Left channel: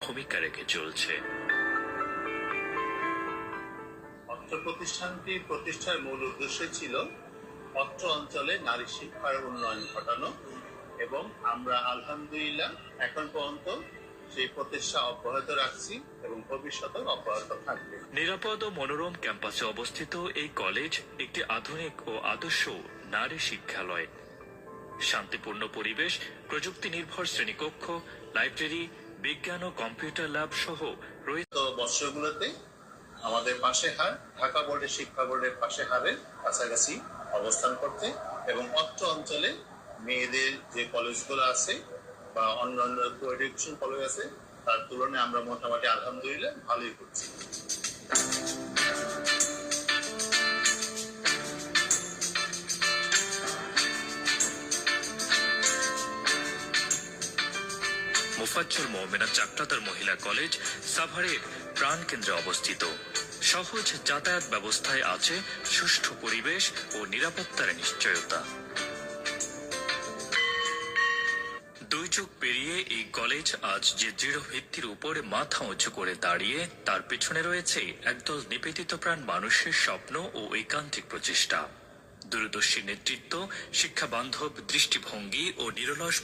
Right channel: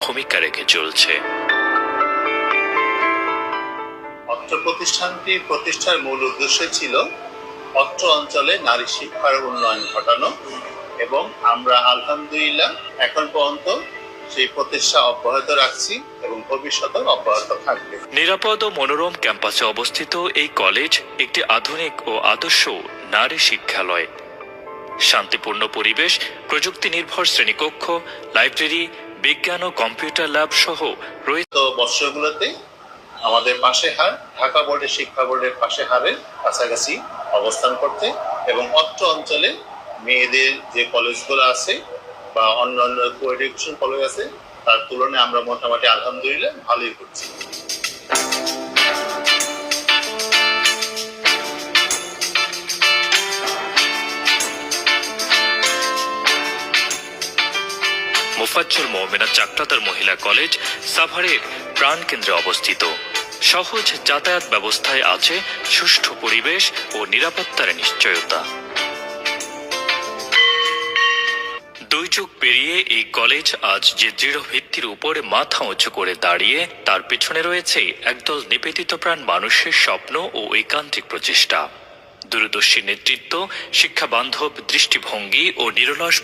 ভূমিকা রেখে চলছে। অত্র প্রতিষ্ঠানটি প্রতিষ্ঠার মূল উদ্দেশ্য ছিল অত্র অঞ্চলে নারী শিক্ষার উন্নয়ন ঘটানো এবং আমরা আলহামদুলিল্লাহ এখন পর্যন্ত সেই প্রতিষ্ঠা অব্যাহত রাখছি এবং ভবিষ্যতেও অব্যাহত থাকবে। নিরাপদ ও মনোরম ক্যাম্পাসে অবস্থিত এই কলেজ একটি আধুনিক ও আদর্শ নারী শিক্ষালয়। শান্তিপূর্ণ পরিবেশ প্রযুক্তি নির্ভর শ্রেণীকক্ষ লাইব্রেরি বিজ্ঞান ও কম্পিউটার ল্যাব সহ রয়েছে বৎসরগুলোতে আমাদের পাশে হার, ঢাকা বোর্ডের শিক্ষা বোর্ডের পাশে হারের কাছাকাছি অবস্থান করতে এবং অত্র অঞ্চলে মেয়েদের যে কলেজগুলো আছে বা অন্য কো এডুকেশন কলেজ আছে, তার তুলনায় আমরা মোটামুটি আলহামদুলিল্লাহ ভালোই করছি। মোফাজ্জল মৌমিনা চাকলাদার মহিলা কলেজ সাভারের প্রাণকেন্দ্রে অবস্থিত। সহজ যাতায়াত ব্যবস্থায় আছে সুষ্ঠু পরিবেশ ও নিরাপত্তার নিশ্চয়তা। দুই যুগ পেরিয়ে এই কলেজ আজ যে দৃঢ় ভিত্তির উপরে মাথা উঁচু করে দাঁড়িয়ে, তার পেছনে রয়েছে একদল নিবেদিত প্রাণ মানুষের স্বপ্ন ও ঐকান্তিক প্রচেষ্টা। দূরদর্শী নেতৃত্ব শিক্ষা বান্ধব দৃষ্টিভঙ্গি ও নিরলস